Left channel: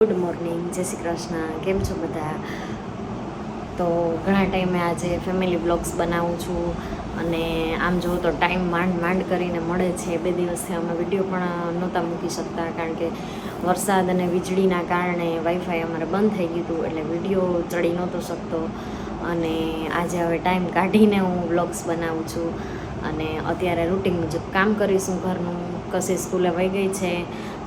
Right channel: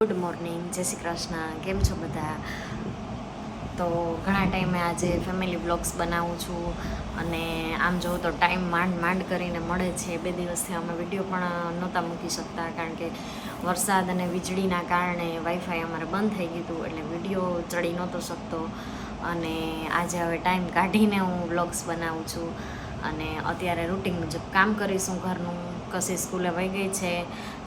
Good morning, જય શ્રી કૃષ્ણ. કેમ છો બધા? તો ઘણા ટાઈમે આજે ફેમિલી બ્લોગ્સ બનાવું છું અને આમ જોઉં તો ટાઈમ માંડ કરીને મળે છે. 2 દિવસથી અમે વિડીયો પણ નહોતા મૂકી શકતા કારણ કે વરસાદ અને વીજળીના કારણે વાઈફાઈ અમારે બંધ થઈ ગયું હતું, એટલે વિડીયો ચડી નહોતો શકતો. અને આજે હવે ટાઈમ કાઢીને હું બ્લોગ્સ બનાવું છું અને અત્યારે રૂટિન મુજબ કામ કરીશું ઘરનું. કશી સ્કૂલે વહી ગઈ છે,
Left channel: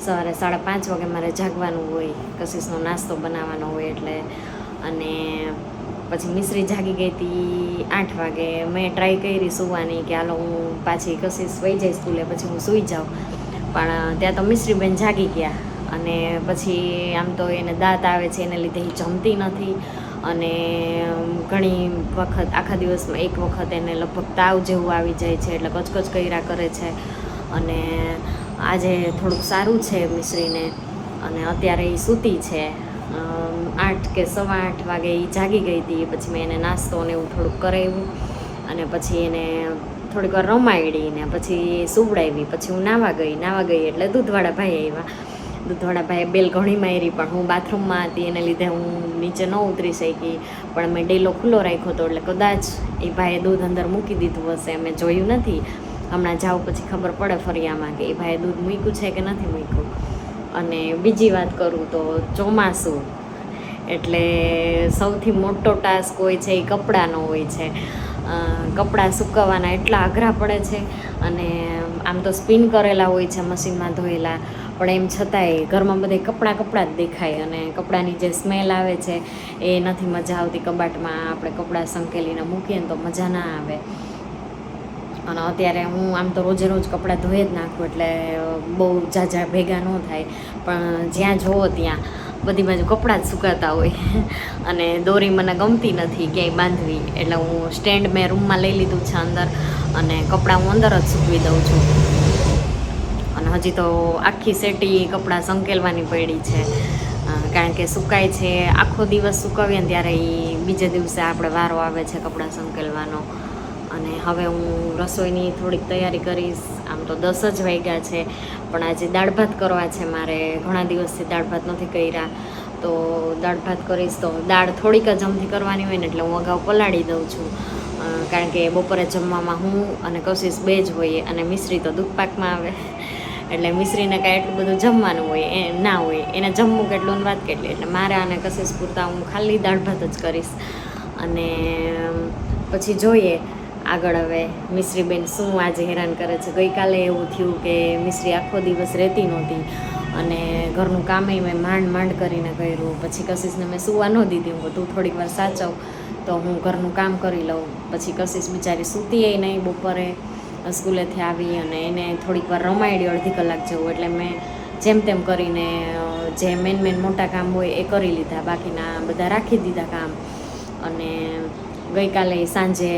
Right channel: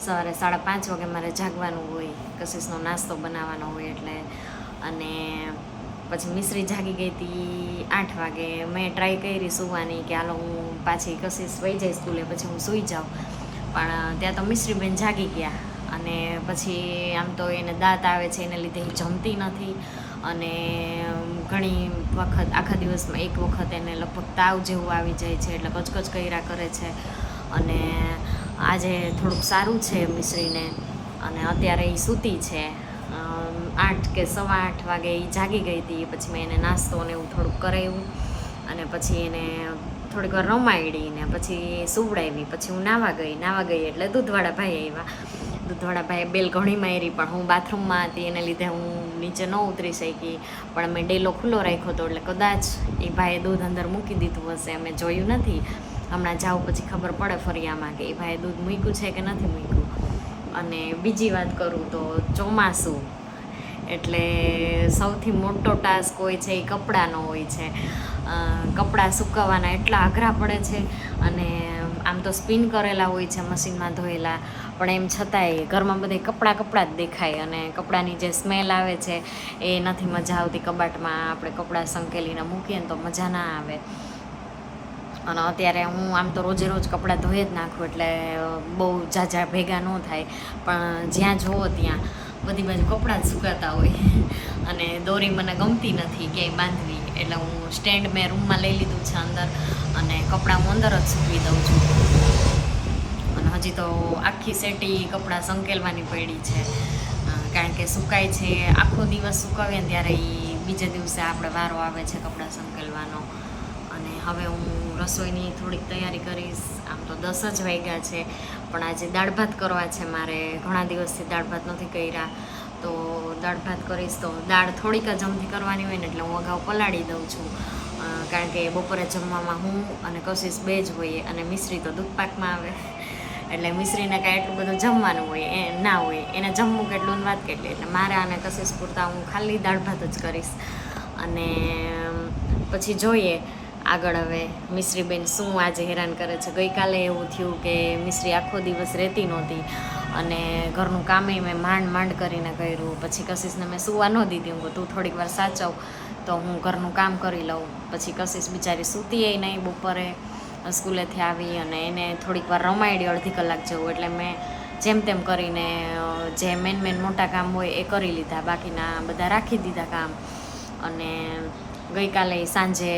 સવારે 5:30 વાગે મારે જાગવાનું હોય, કશીશનો નાસ્તો બનાવવાનો હોય એટલે. અને પછી મિશ્રી જાગી ગઈ હતી 8 વાગે. મેં ટ્રાય કરી સૂવાની કે હાલો હું પાછી કશીશ વહી જાય સ્કૂલે પછી હું સૂઈ જાઉં, પણ ત્યાં તો મિશ્રીબેન જાગી ગયા. અને પછી આમ તો એને દાંત આવે છે, એને લીધે એ જમતી નથી અને ઘણી વખત આખા દિવસમાં એક વખત એને લગભગ તાવ જેવું આવી જાય છે, એટલે કચકચ કર્યા કરે છે. અને આજે થોડુંક સારું છે મિશ્રીને અને અત્યારે એ સૂતી છે. 8 કે 8:15 વાગે એ જાગી ગઈ હતી. પછી મેં એને નાસ્તો ને એવું થોડુંક કરાવ્યું અને પછી એને થોડીક વાર રમાડી ને પછી સુવડાવી. પછી હું નાવા ગઈ એટલે દૂધવાળા ભાઈ આવ્યા. દૂધવાળા ભાઈએ બેલ ઘણી મારી, પણ હું બાથરૂમમાં હતી એને લીધે હું નીચે ન ઉતરી શકી. પણ મેં ડેલો ખુલ્લો રાખ્યો હતો એટલે કદાચ એ ભાઈએ દૂધ અંદર મૂકી દીધું હશે, અમે જોયું નથી. હમણાં જાઉં પછી ખબર પડે ફરિયામાં કે એ ભાઈએ દૂધ મૂક્યું છે કે નથી મૂક્યું. અને બીજી વાત કરું તો ચોમાસું એટલે સૌથી મોટો ટાસ્ક હોય છે એ કપડાંનો હોય છે. કપડાં સૂકવવાના એટલા અઘરા પડે છે અને આમ તો સ્પિન કરેલા હોય છે, મશીનમાં ધોયેલા, પણ એમ છતાંય ઘરમાં બધે કપડાં જ દેખાય અને કપડાની જે સ્મેલ આવે છે એ નથી મજા આવતી. કબાટમાં આપણે કપડાં સંકેલીને મૂકીએ ને તો મજા ના આવે. અને અત્યારે હું આમ તો રોજે રોજ કપડાં ધોઈ જ નાખું એટલે બહુ ઝાઝા ભેગા ન થાય, પણ જ્યાં જુઓ ત્યાં બધી બાજુ કપડાં જ સુકાતા હોય. અને દોરી મને ગમતી નથી ક્યાંય બાંધવી, એટલે હું સ્ટેન્ડ મેં રૂમમાં લઈ લીધું છે અંદર અને કપડાં હું અંદર જ સૂકવી દઉં છું. અને હજી તો આખી સેટી કપડાં સંકેલવાની પડી છે, કારણ કે સુકાય છે. આખો દિવસ સુકાવીએ ને ત્યારે એ બીજે દિવસે આપણે વારો આવે છે કપડાં સંકેલવાનો. અને હવે હું રસોઈની થોડીક તૈયારી કરીશ. આમ તો 10 જ વાગ્યા છે, પણ આજે દાળ ભાત કરવા છે મારે. ઘણા દિવસથી દાળ ભાત નથી કર્યા, તો દાળ ભાત કરીશ. તો દાળ થોડીક જ અમથી કરવાની હોય ને એટલે હું અગાઉ પલાળી દઉં છું, કારણ કે બપોરે જમવામાં હું અને કશીશ 2 જ હોઈએ અને મિશ્રી તો દૂધપાકમાં આવે એટલે મિશ્રીને કાંઈ એટલું બધું જમવાનું હોય એ ના હોય, એને જમવું કેટલું વાત કેટલી. એટલે મારે અને કશીશ પૂરતા હું ખાલી દાળ ભાત જ કરીશ. અને પછી જોઈએ આગળ હવે મિશ્રીબેન શું આજે હેરાન કરે છે. ગઈકાલે એવું થયું કે મિશ્રી આખો દિવસ રહેતી નહોતી અને ઘરનું કામેય મેં માંડ કરીને કર્યું. પછી કશીશને મેં સૂવા ન દીધી. હું તું થોડીક વાર સાચવ તો હું ઘરનું કામ કરી લઉં. પછી કશીશ બિચારી સૂતીય નહીં બપોરે સ્કૂલેથી આવી અને એને થોડીક વાર રમાડી અડધી કલાક જેવું. એટલે મેં જેમ તેમ કરીને જે મેન મોટા કામ હોય એ કરી લીધા, બાકીના બધા રાખી દીધા કામ. અને ગઈકાલે સાંજે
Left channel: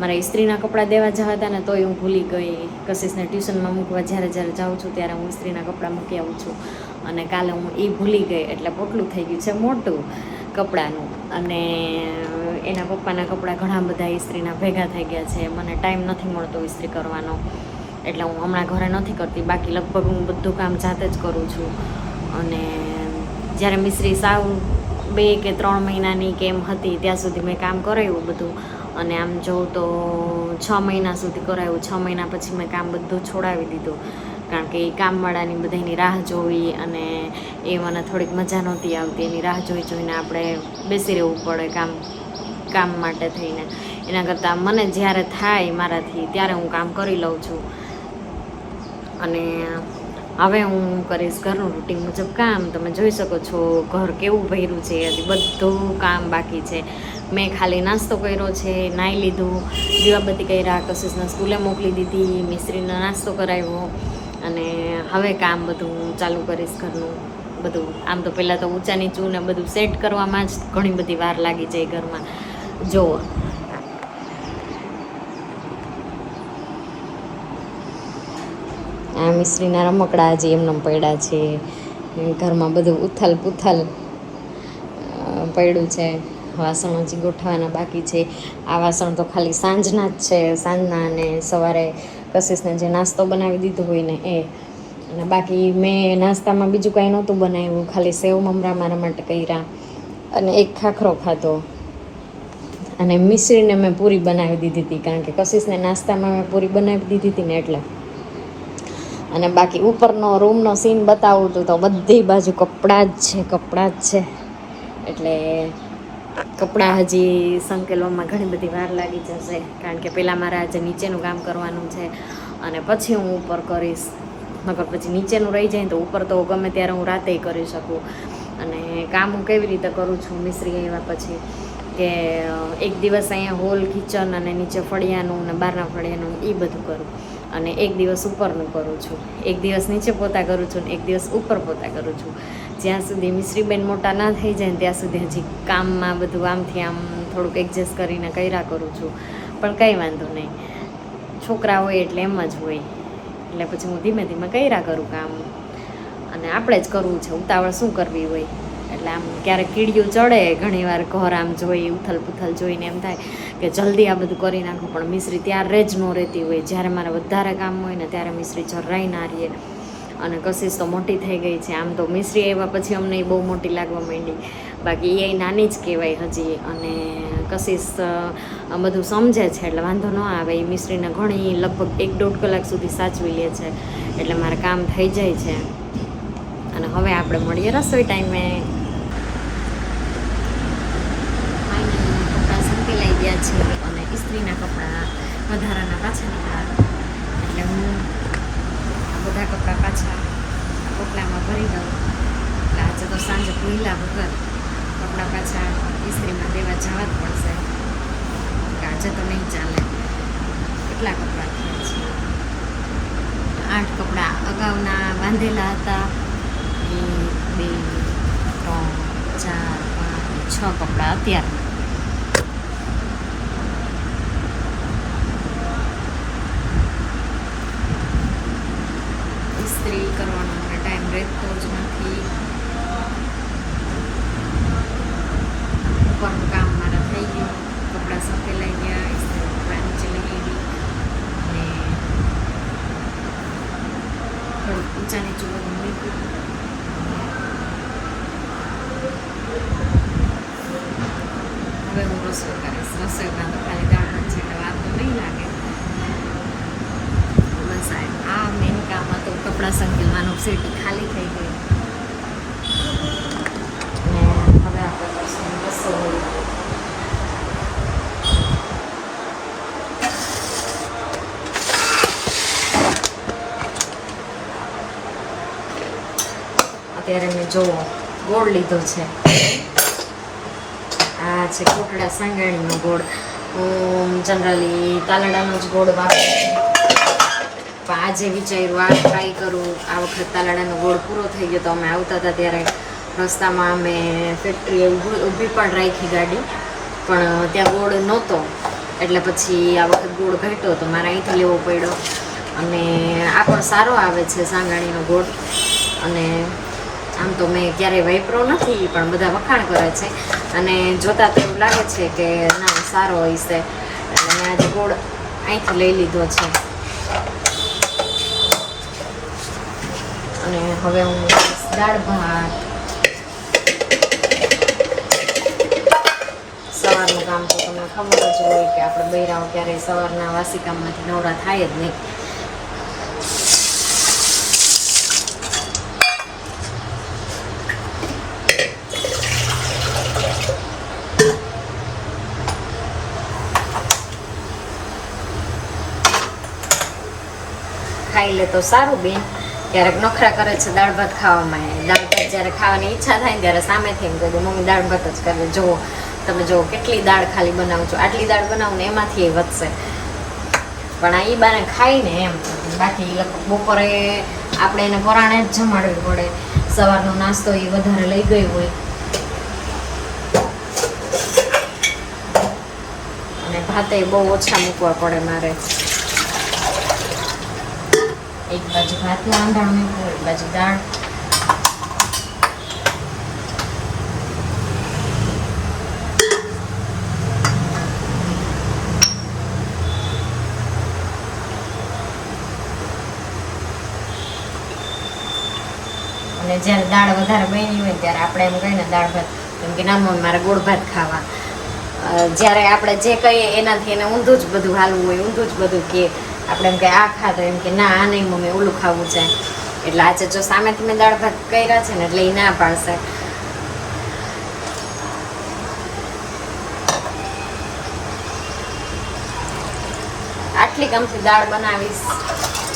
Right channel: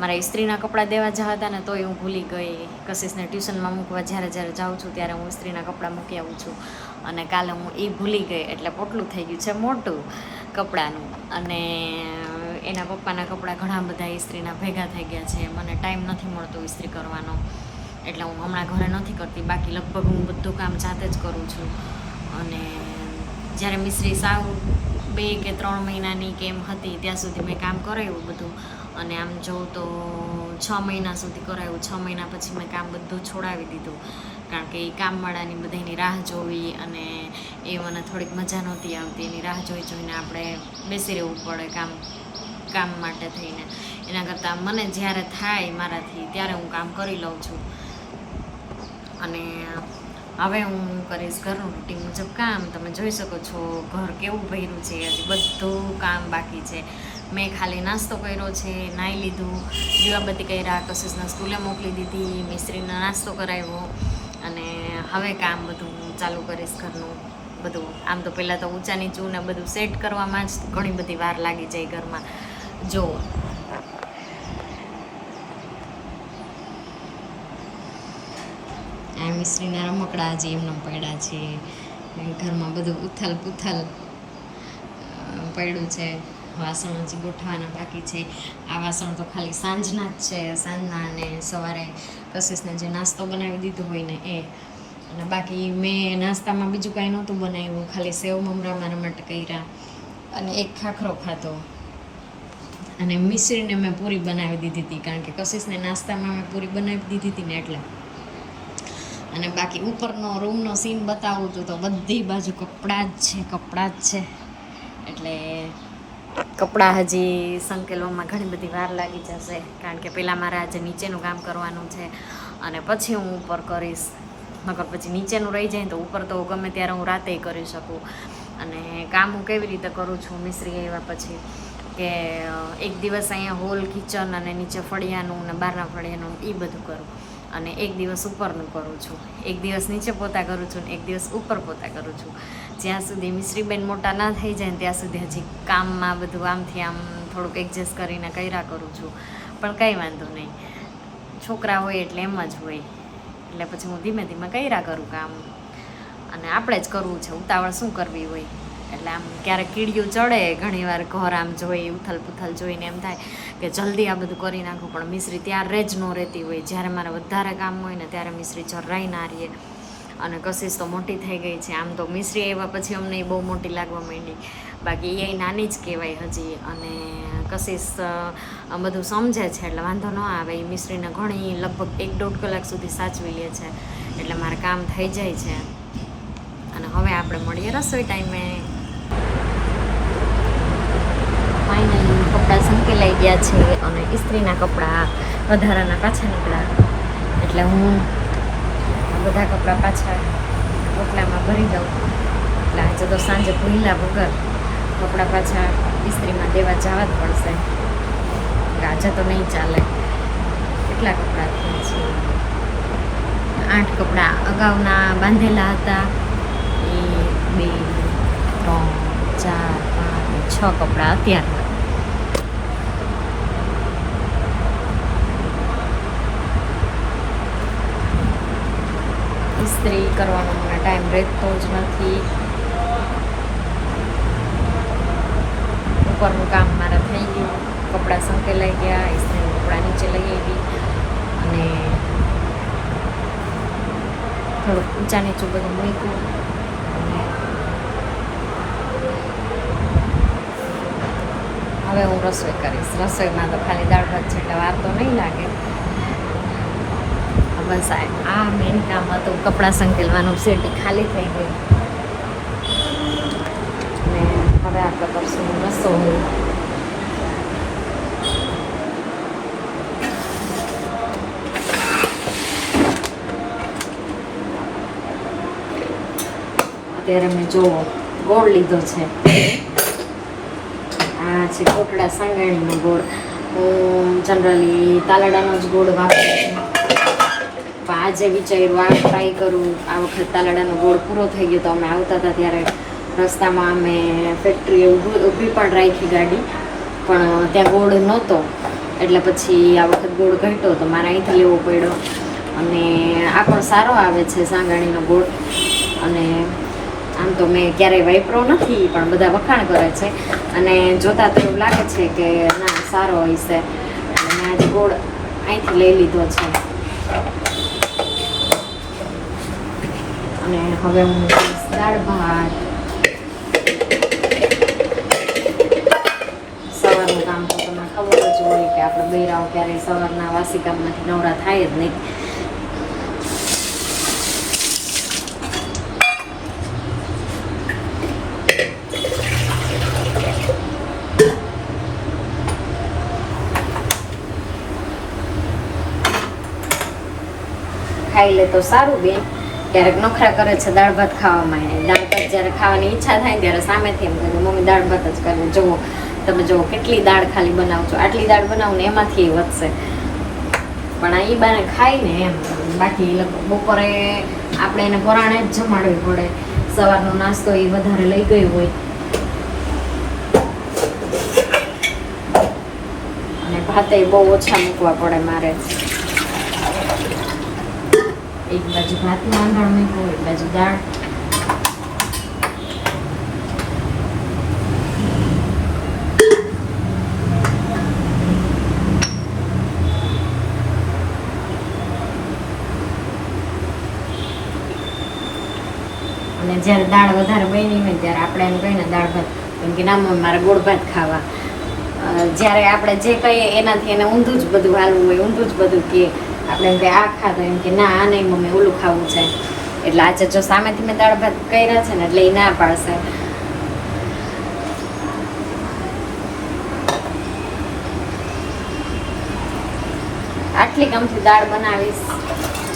મારે ઇસ્ત્રીના કપડાં દેવા જવા હતા ને તોય હું ભૂલી ગઈ. કશીશને ટ્યુશનમાં મૂકવા જ્યારે જાઉં છું ત્યારે હું ઇસ્ત્રીના કપડાં મૂકી આવું છું, અને કાલે હું એ ભૂલી ગઈ એટલે પોટલું થઈ ગયું છે મોટું કપડાનું. અને એના પપ્પાના કપડાં ઘણા બધા ઇસ્ત્રીના ભેગા થઈ ગયા છે. મને ટાઈમ નથી મળતો ઇસ્ત્રી કરવાનો, એટલે હું હમણાં ઘરે નથી કરતી. બાકી લગભગ હું બધું કામ જાતે જ કરું છું. અને જ્યારે મિશ્રી સાવ 2 કે 3 મહિનાની કે એમ હતી ત્યાં સુધી મેં કામ કરાવ્યું બધું. અને આમ જોઉં તો 6 મહિના સુધી કરાવ્યું. 6 મહિના પછી મેં કામ બધું છોડાવી દીધું, કારણ કે એ કામવાળાની બધાની રાહ જોવી અને એ મને થોડીક મજા નહોતી આવતી. એની રાહ જોઈને આપણે બેસી રહેવું પડે કામ માટે થઈને. એના કરતાં મને જ્યારે થાય મારાથી ત્યારે હું કામ કરી લઉં છું. અને હવે હું કરીશ ઘરનું રૂટિન મુજબ કામ. તમે જોઈ શકો છો ઘર કેવું ભર્યું છે, હજી બધું કામ બાકી છે. મેં ખાલી નાસ્તો કર્યો છે, નાહી લીધું, દીવાબત્તી કર્યા, કશીશને સ્કૂલે મોકલી દીધી, મિશ્રીને નાસ્તો કરાવ્યો અને હવે કામ બધું ચાલુ કરીશ ઘરનું બધું. આમ તો પહેલાં તો ઊંચા નીચું ને બધું સેટ કરવામાં જ ઘણી બધી વાર લાગી જાય ઘરમાં. જુઓ આ મિશ્રીના રમકડા હજી એમને પડ્યા છે. ઘરમાં બધું ઉથલ પુથલ પડ્યું છે. વાસણ હજી ગોઠવાના બાકી છે. આ વાસણ તો ખાલી સાંજના જ છે, સાંજના અને સવારે કશીશને જે નાસ્તો બનાવી દીધો હોય ને એ. અને બાકી મેં નાસ્તામાં બીજું કાંઈ નહોતું બનાવ્યું, ખાલી સેવ મમરા મારા માટે કર્યા અને એક ખાખરો ખાધો. અને મિશ્રીને મેં પૂરી બનાવી દીધી હતી, કારણ કે કશિશને નાસ્તામાં મેં પૂરી બનાવી દીધી હતી ને એટલે. અને બાકી ઉપરનો રૂમનો સીન બતાવું હતું તો બધી બાજુ કપડાં જ છે. એટલે કપડાં હજી સંકેલવામાં ઘણી બધી વાર લાગી જશે, કારણ કે પહેલાં મારે આજે નીચેનું કામ કરવાનું છે અને પછી હું ઉપર કરીશ. નકર પછી નીચેનું રહી જાય તો ઉપર તો ગમે ત્યારે હું રાતે કરી શકું. અને કામ હું કેવી રીતે કરું છું મિસ્ત્રી આવ્યા પછી, કે એક દિવસ અહીંયા હોલ કિચન અને નીચે ફળિયાનું અને બહારના ફળિયાનું એ બધું કરું, અને એક દિવસ ઉપરનું કરું છું, એક દિવસ નીચે પોતા કરું છું ને એક દિવસ ઉપર પોતા કરું છું. જ્યાં સુધી મિશ્રીબેન મોટા ના થઈ જાય ને ત્યાં સુધી હજી કામમાં બધું આમથી આમ થોડુંક એડજસ્ટ કરીને કર્યા કરું છું. પણ કંઈ વાંધો નહીં, છોકરા હોય એટલે એમ જ હોય. એટલે પછી હું ધીમે ધીમે કર્યા કરું કામ, અને આપણે જ કરવું છે, ઉતાવળ શું કરવી હોય. એટલે આમ ક્યારેક કીડિયું ચડે, ઘણીવાર ઘર આમ જોઈ ઉથલ પુથલ જોઈને એમ થાય કે જલ્દી આ બધું કરી નાખું, પણ મિશ્રી ત્યારે જ ન રહેતી હોય. જ્યારે મારે વધારે કામ હોય ને ત્યારે મિશ્રી જરાય ના રહીએ. અને કશિશ તો મોટી થઈ ગઈ છે. આમ તો મિશ્રી આવ્યા પછી અમને એ બહુ મોટી લાગવા માંડી, બાકી એ નાની જ કહેવાય હજી. અને કશિશ બધું સમજે છે એટલે વાંધો ન આવે. એ મિશ્રીને ઘણી લગભગ 1-1.5 કલાક સુધી સાચવી લે છે, એટલે મારે કામ થઈ જાય છે. અને હવે આપણે મળીએ રસોઈ ટાઈમે. ફાઇનલી કપડાં સંકેલાઈ ગયા છે અને ઇસ્ત્રીના કપડાં વધારાના પાછા નીકળ્યા, એટલે હું આ બધા કપડાં પાછા પોટલામાં ભરી દઉં. એટલે આજે તો સાંજે ભૂલા વગર કપડાં પાછા ઇસ્ત્રીમાં દેવા જવા જ પડશે. આજે તો નહીં ચાલે. કેટલા કપડાં થયા છે? 8 કપડાં અગાઉના બાંધેલા હતા. 1, 2, 3, 4, 5, 6 કપડાં અત્યારના. ઇસ્ત્રી કરવાનો મને ટાઈમ રહેતો જ નથી. ઉપરનું કામ મારે થઈ ગયું, કપડાં સંકેલાઈ ગયા, ઇસ્ત્રીના કપડાં નીચે લઈ આવી અને થોડુંક ઊંચા નીચું બધું મૂક્યું. હવે હું રસોઈ કરીશ. રસોઈમાં તો ખાલી દાળ ભાત છે એટલે વાર તો નહીં લાગે. બસ આ મેઇન કામ હતું, કપડાં સંકેલવાનું. સેટી ખાલી થઈ ગઈ અને હવે આપણે કરશું રસોઈ. અત્યારે મેં જોવો ગોળ લીધો છે. આ છે કોટડા સાંગાણીનો ગોળ. હું જનરલી તાલાડાનો જ ગોળ વાપરું છું, પણ આજે વિચાર્યું આ ટ્રાય કરું. આ વખત તાલાડાનો ગોળ પૂરો થઈ ગયો તો અમે આવતા હતા ત્યારે રસ્તામાં અમે ફેક્ટરીએ ઊભી પણ રાખી ગાડી, પણ ત્યાં ગોળ નહોતો. એટલે પછી આ વખત ગોળ ઘટ્યો તો મારે અહીંથી લેવો પડ્યો. અને આ પણ સારો આવે છે સાંગાણીનો ગોળ. અને આમ તો મેં ક્યારેય વાપર્યો નથી, પણ બધા વખાણ કરે છે અને જોતાં તો એવું લાગે છે કે ના સારો હોય છે. એટલે મેં આજે ગોળ અહીંથી લઈ લીધો છે. અને હવે હું દાળ ભાત. સવારનું કામ તો તમને ખબર જ હોય કે આપણે બૈરાઓ ક્યારેય સવારના વાસી કામમાંથી નવરા થાય જ નહીં. ખાઈ લે તો સારું બેન. ક્યારેક નખરા કરે છે દાળ ભાત ખાવામાં. દાળ ભાત જ્યારે ખાવાની ઈચ્છા થાય ને ત્યારે સામેથી એમ કહે મમ્મી દાળ ભાત જ કરે. જુઓ તમે જુઓ કેટલી દાળ ખાલી બનાવો છો, આટલી દાળ બનાવું ને એમાંથી એ વધશે. પણ આ ઈ બાને ખાઈને એમ. બાકી બપોરે આપણે એને પરાણે જ જમાડવી પડે. સવારનો નાસ્તો એ વધારે લઈ ગઈ હોય અને ભાતે બહુ ઓછા મૂકવા પડે મારે. એક બાજુ ભાતનું આંધણ મૂકવું, એક બાજુ દાળ. અને જ્યારે દાળ વધારે બની હોય ત્યારે આપણે એમ કહીએ ને દાળ ભાત, એમ કે ના મમ્મી મારે ગોળ ભાત ખાવા. જ્યારે આપણે જે કહીએ એનાથી એને ઊંધું જ બધું હાલવું હોય, ઊંધું જ બધું કહે. આપણે એમ કે આ ખાતો, એમ કે ના આ નહીં મમ્મી ઓલું ખાવું છે. એટલે આજે જો સામેથી મેં દાળ ભાત કર્યા છે ને એટલે એ ના પાડશે. આટલી ગમતી દાળ બનાવીશ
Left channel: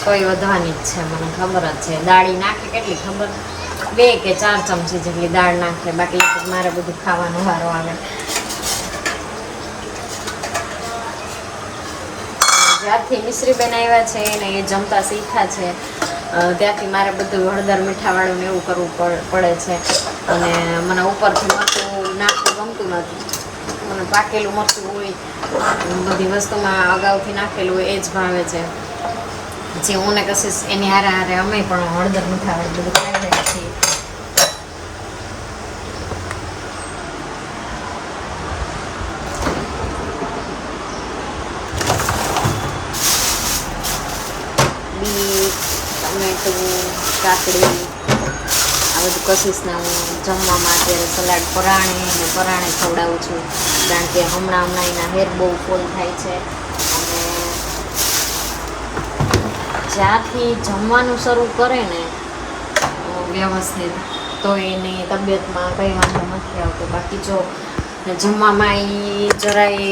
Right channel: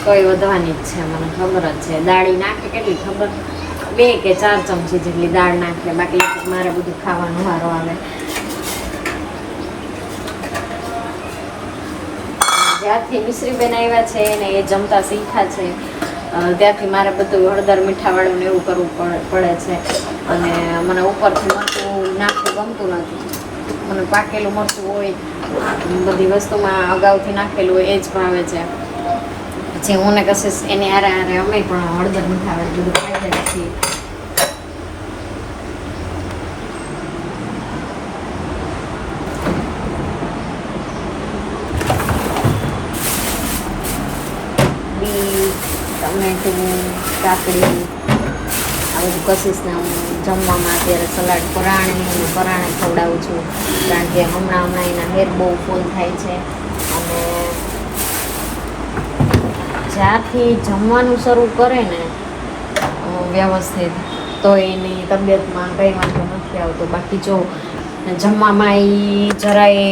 તોય વધવાની જ છે, મને ખબર જ છે. દાળી નાખે કેટલી ખબર, 2 કે 4 ચમચી જેટલી દાળ નાખે, બાકી મારે બધું ખાવાનું વારો આવે. જ્યારથી મિશ્રીબેન આવ્યા છે ને એ જમતા શીખ્યા છે ત્યાંથી મારે બધું હળદર મીઠાવાળું ને એવું કરવું પડે છે. અને મને ઉપરથી મરચું નાખવું ગમતું નથી. મને પાકેલું મરચું હોય બધી વસ્તુમાં અગાઉથી નાખેલું હોય એ જ ભાવે છે. જે હું ને કશીશ એની હારે હારે અમે પણ હળદર મીઠાવાળું બધું ખાઈ રહ્યા છીએ. ટમેટું, કાકડી આ બધું કશીશને હું જમવામાં અત્યારે સલાડ પરાણે ખવડાવું છું. કારણ કે હમણાં એના હેર બહુ ફૂલ થાય છે. અને જ્યાંથી જમવાનું શરૂ કરે ને વ્યવસ્થિત તો એની તબિયતમાં કંઈ વાંધો નથી આવતો. બાકી જો જમવામાં એ જરાય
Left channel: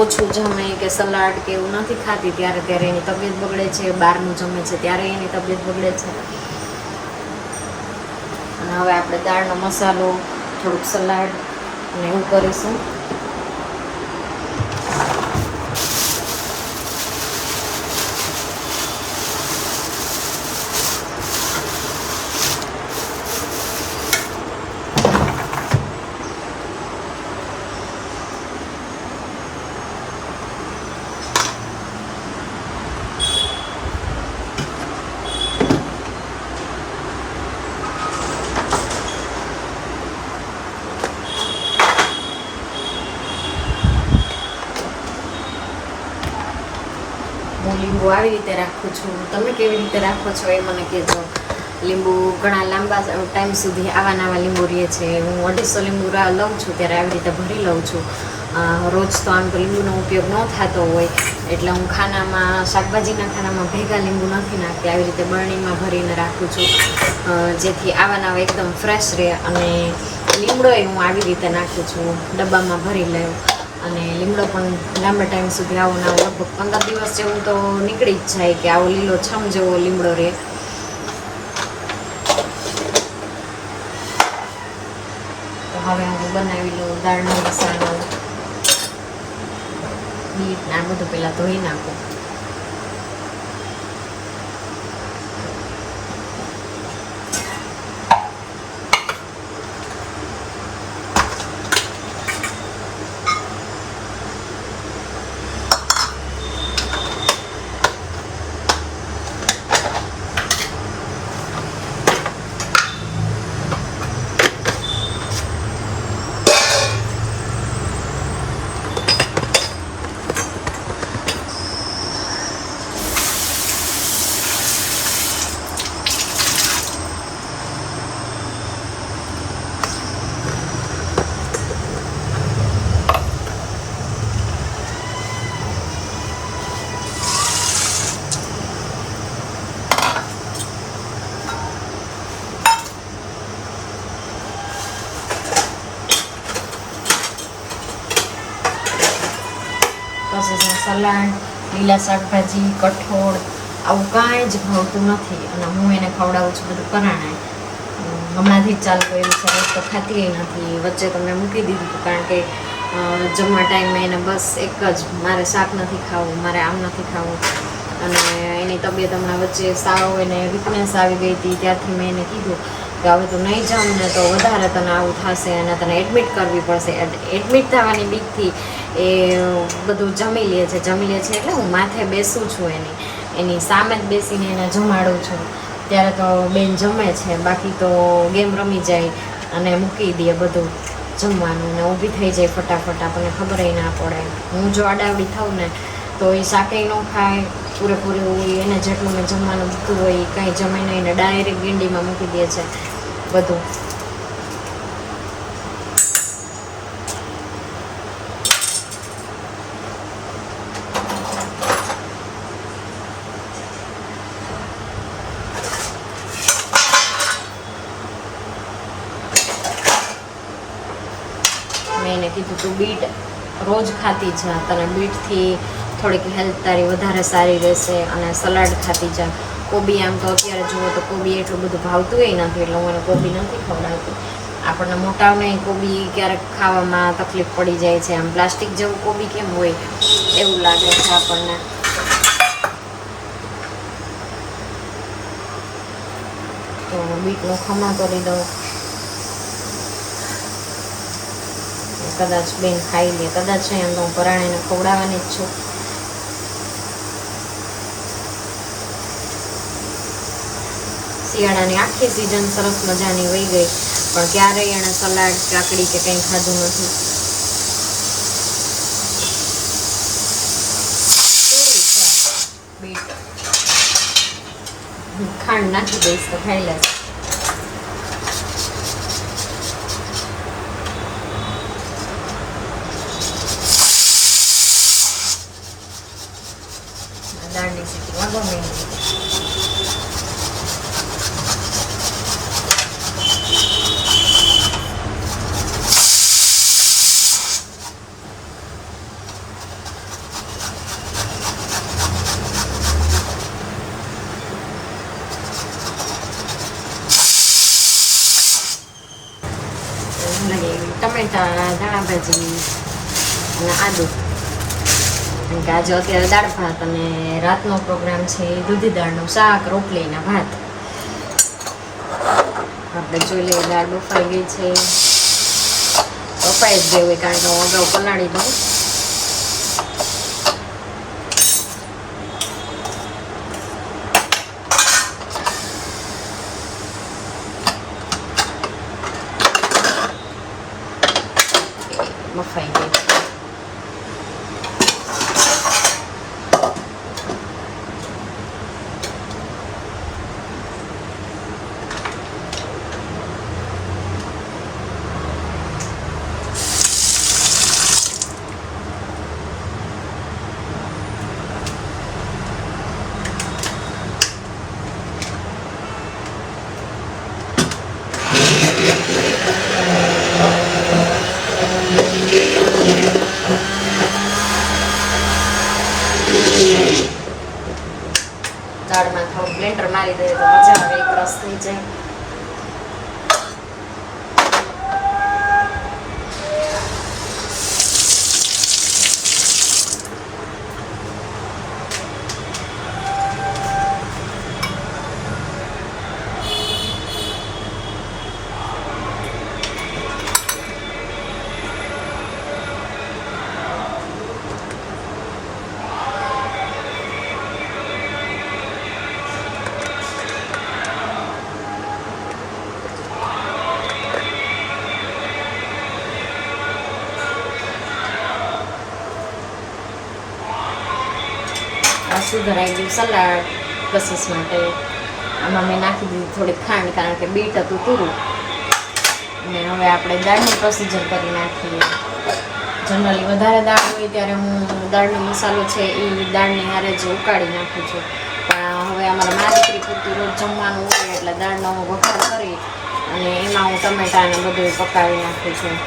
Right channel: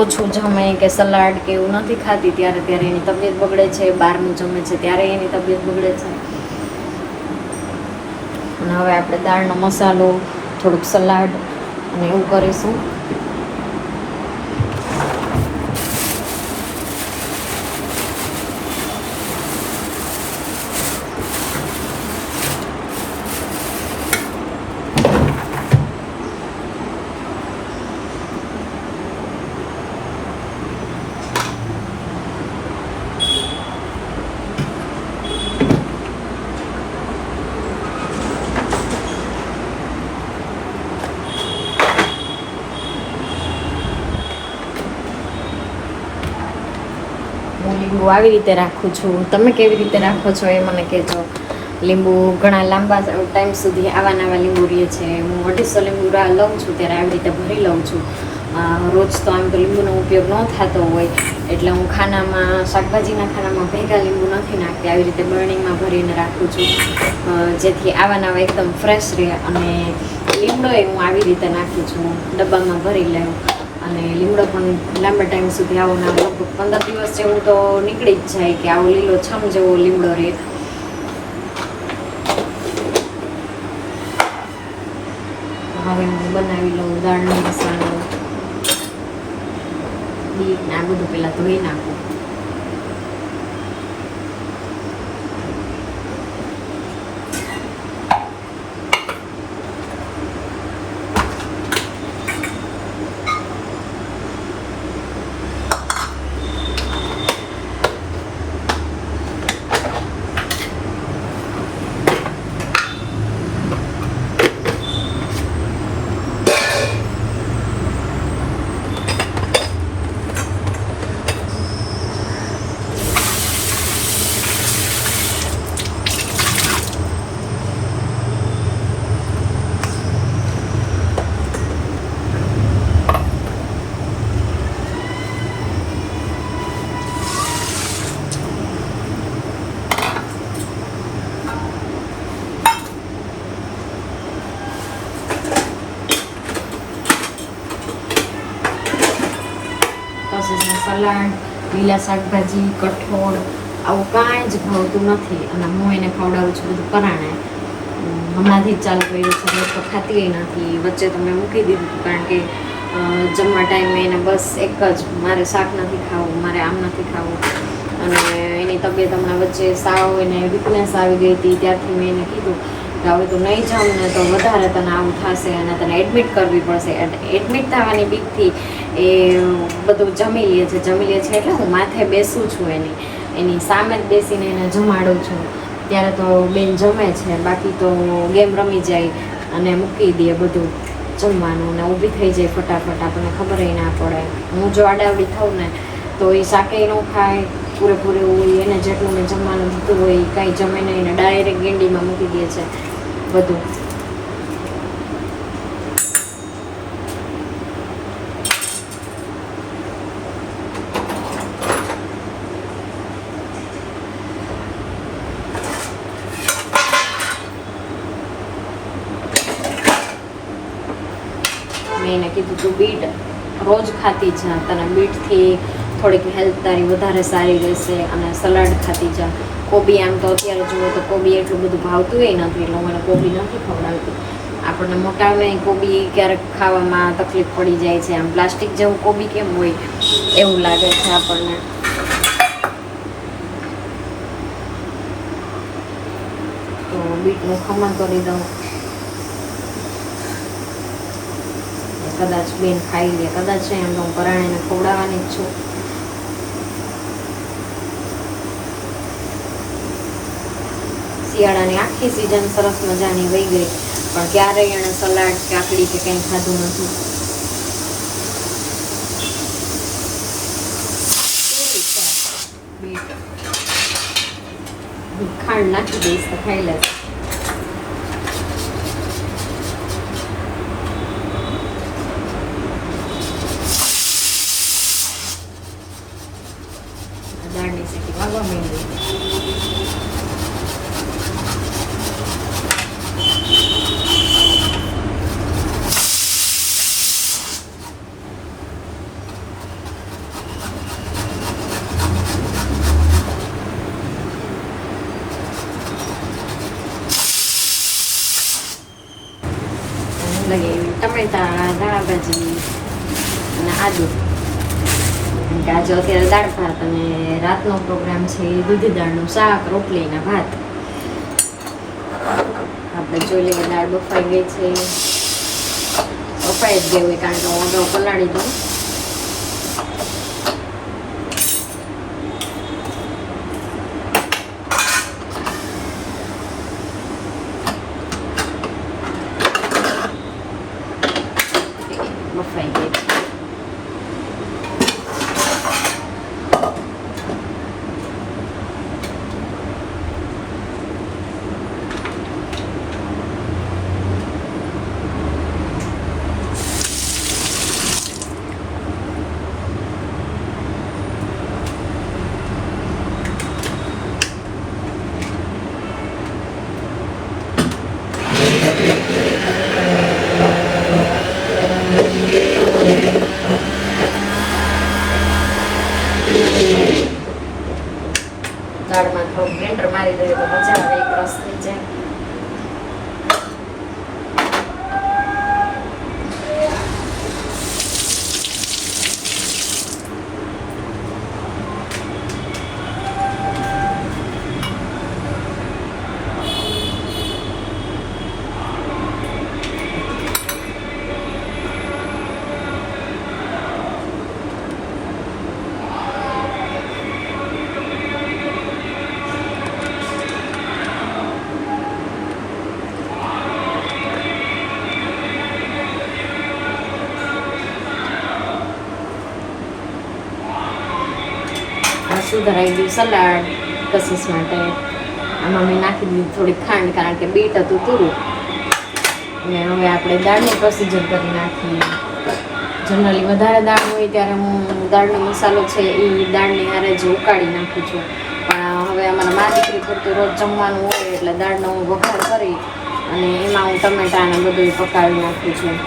ઓછું જમે કે સલાડ કે એવું નથી ખાતી ત્યારે એની તબિયત બગડે છે. બહારનું જમે છે ત્યારે એની તબિયત બગડે છે. અને હવે આપણે દાળનો મસાલો, થોડુંક સલાડ અને એવું કરીશું. લીંબુ આવી રીતે રાખું છું. તમે કેવી રીતે રાખો છો એ મને કહેજો. લીંબુ ઘણા લાંબા ટાઈમ સુધી આવા લીંબુ રહે છે. હું 250 લીંબુ લઉં છું ત્યારે આવી રીતે ભરી લઉં છું. રોજ તો આમ તો લીંબુનો ઉપયોગ ન થતો હોય એટલે હું ખાનામાં, શાકભાજીના ખાનામાં ભેગા લીંબુ નથી નાખતી. આવી રીતે બરણીમાં ભરીને રાખું છું જેથી આવા એકદમ ફ્રેશ રહે. અને લીમડો હું આવી રીતે નાખું છું, ડબ્બામાં ભરી લઉં. અને લીમડો પણ લાંબા ટાઈમ સુધી આવો ના લગભગ 15 દિવસ જેવું તો નીકળી જ જાય કે આવો લીલો છમ જેવો લીમડો રહે. હવે હું બનાવી લઉં દાળનો મસાલો. બીટ ને આ બધું પહેલાં ધોઈ નાખું. પછી સલાડ, લીલા શાકભાજી, કઠોળ આવું કાંઈ જ ભાવતું નથી. અને હું એને ખવડાવું છું બધું પરાણે. હમણાંથી જ ચાલુ કર્યું છે, રોજ તો ખાતી નથી. વચ્ચે તમને મૂકી દીધું હતું કારણ કે જમવા ટાઈમે એને બસ એક જ, મારે શાક નથી ખાવું, મારે આમ નથી ખાવું. અને એની તબિયત હમણાં વચ્ચે સાવ એને વીકનેસ આવી ગઈ હતી. ત્યારથી મેં એને કીધું કે હવે તું નહીં જાઉં ને તો વધારે તને આવું થશે અને તને એડમિટ કરવી પડશે. એડમિટ થવાની બીકથી એ બધું જમી લે છે એટલે હું માથે બેસું છું એની સામે જ બેસીને એને જમાડું છું. ત્યારે તો બેન જમે છે, બાકી તો ગેમ રમી જાય અને મૂકી દે બધું જમવાનું ને ઊભી થઈ જાય ફટાફટ. આપણને ખબર ના પડે. હું જો આડાવડી થાઉં ને તો એ શાકેય ન ખાય પૂરેપૂરું. એને જેટલું મેં જમવાનું દીધું હોય એ કાંઈ જમે નહીં ને ડાયરેક્ટ ગેંડીમાં મૂકી દે છે. બધું. મેં એને કીધું તું બીટ રોજ ખાતી જા, તને બીટથી થોડીક હેલ્થ તારી વધારે સારી રહેશે, અને સલાડ ખાતી જા. કોબી આમ તો અત્યારે જોઈએ તો કોબી એટલું બધું ભાવતું નથી, એટલે હું એને કોબી નથી ખવડાવતી. આપણને મોટાઓને કોબી ક્યારેક ખાવામાં તકલીફ પડી જાય છે, આમ પ્લાસ્ટિક જેવું કોબી કેમ હોય એવું લાગે છે આપણને. તો બીટનું ખમણ કરી દઉં, કદાચ બેન ખાઈ લે, કદાચ એમ તો હું પરાણાને ખવડાવવાની જ છું. શિયાળાની આખી સિઝન સરસ મજાની વહી ગઈ, પણ ક્યારેય એણે સલાડ કાકડી કે કંઈ ખાધું નથી. બીટ ખાંડ નાખી દઈશ તો ખાઈ લેશે. દાળની સીટી વાગવા માંડી. ટમેટા, ધાણાભાજી અને આદુ. કારણ કે આજે અત્યારે દાળ ભાત અને રાતનો પ્રોગ્રામ છે દૂધી દાળનું શાક, રોટલી અને ભાત. આપણે જોઈ લઈએ દાળ બફાઈ ગઈ છે. બફાઈ જ ગઈ હોય કારણ કે હું અગાઉ પલાળી દઉં. બફાઈ ગઈ છે. દાળમાં થોડું બ્લેન્ડર મારી દઈએ તો મજા આવે, એક રસ થઈ જાય. સુધરાઈ ગયું સલાડ કશિશ માટે. આમાં મેં નાખી દીધી થોડી ખાંડ, કારણ કે બીટ હતું પૂરું. અને હવે આપણે દાળનું પ્રોસીજર કરી નાખીએ. જનરલી વધારે દાળ હોય ત્યારે હું દાળનો મસાલો છે એ દાળની હારે જ ઉકાળી નાખું છું, પણ હવે અમારા મા દીકરી પૂરતું રોજ જમવાનું હોય એટલે દાળનો હું વઘાર કરી અને એમાં હું ટમેટા અને બધું પકાવી નાખું છું.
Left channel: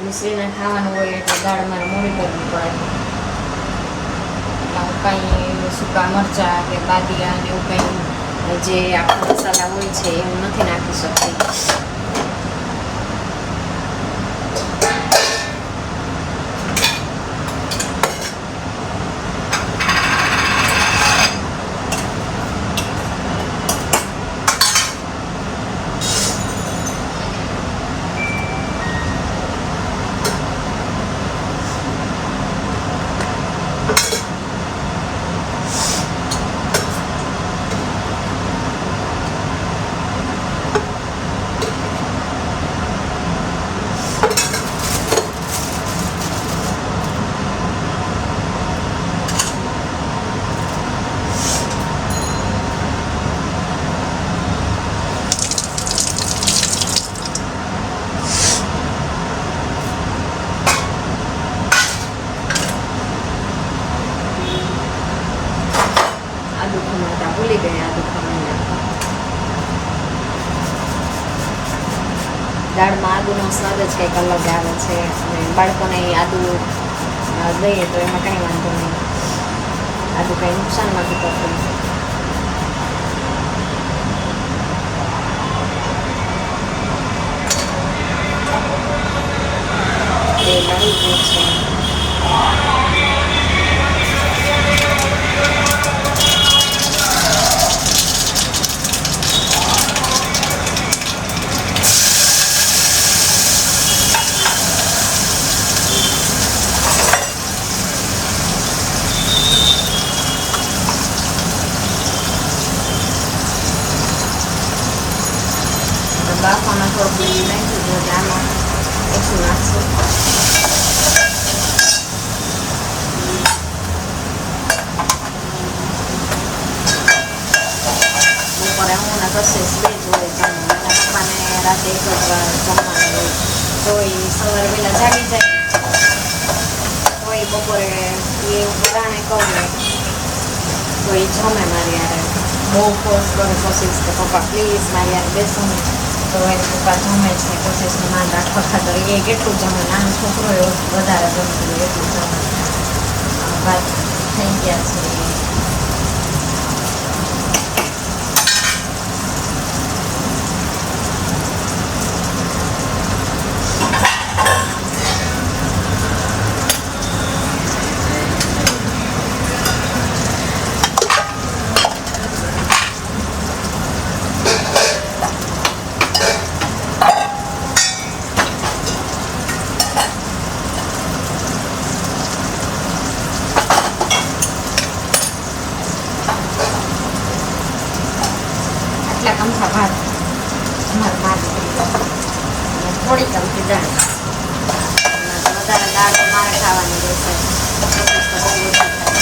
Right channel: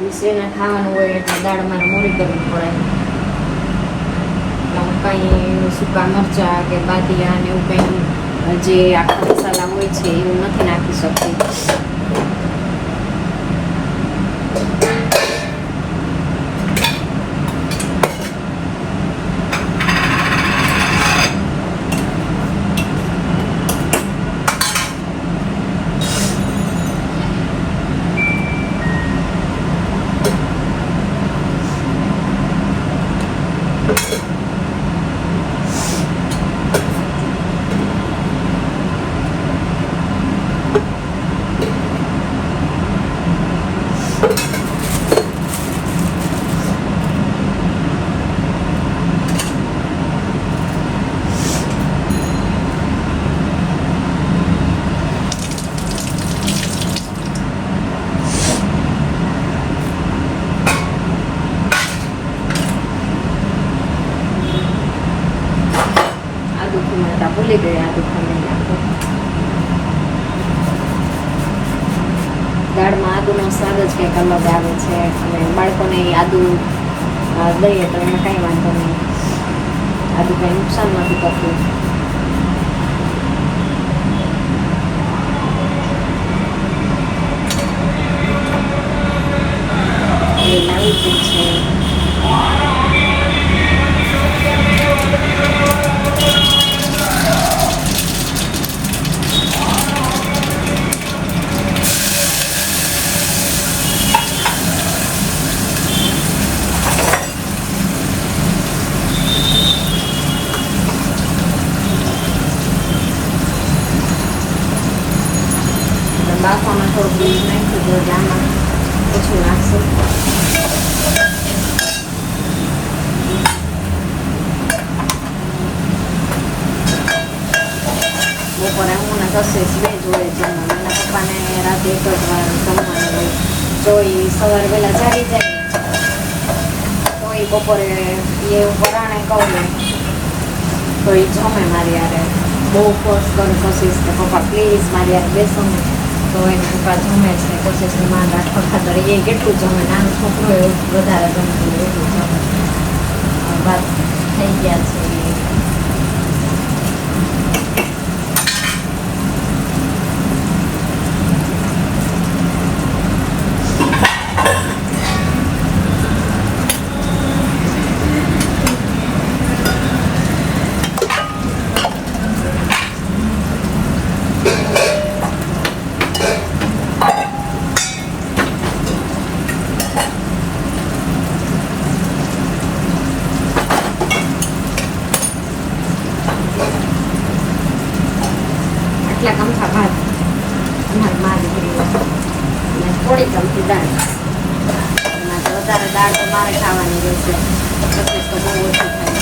મિશ્રીને ખાવાનું હોય એટલે દાળ મારે મોડી કરવી પડે. એટલે હું કંઈ સૂકા મરચાં કે બાદિયા ને એવું કંઈ જે આખા મસાલા હોય છે એવું નથી નાખી શકતી. સ્વાદ જ કંઈક અલગ આવે છે અને બાળકોને આદુ દઈએ તો એમાં કંઈ વાંધો નહીં. આદુ કંઈ નુકસાન નથી કરતું. એ નવી છે. બાફામાં થોડુંક બીજું નાખ્યું હતું એટલે આમાં ઓછું નાખશું. બપોરે હું ને કશીશ બે જોડે જમવાનું. એના પપ્પાને રાતે એક જ વાર જમવાનું હોય તો એ સવારે વહેલા જાગી જાય તો એ બપોરે એ વરાણે કહું તો એ જમે મારી યારે. બહુ ફોર્સ કરું કશીશ તો પપ્પા પ્લીઝ મારી યારે બેસો તો એને પપ્પા જમે છે. કશીશનું માન રાખવા ખાતર એ કેટલું જમે, નાનો છોકરો એવું વધારે જમે એટલું જમે. વાત થઈ ગયા છે. આટલા કમથા ભાત અમારે મા દીકરી અને થોડી કમથી દાળ. એનાથી વધારે દાળ તો મારે ખાવાની રહેશે. એટલું તો બહુ ઓછું થાય.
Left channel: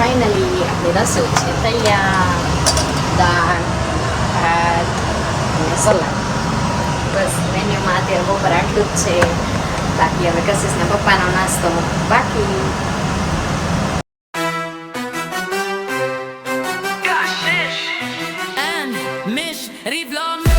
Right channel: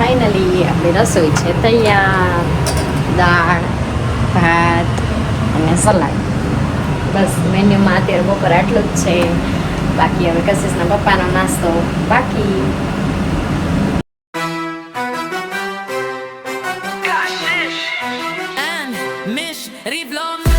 ફાઇનલી આપણી રસોઈ છે તૈયાર. દાળ, ભાત અને સલાડ. બસ મેન્યુમાં અત્યારે બપોર આટલું જ છે. બાકી હવે કશીશના પપ્પાનો નાસ્તો બાકી. And Mish Rivlom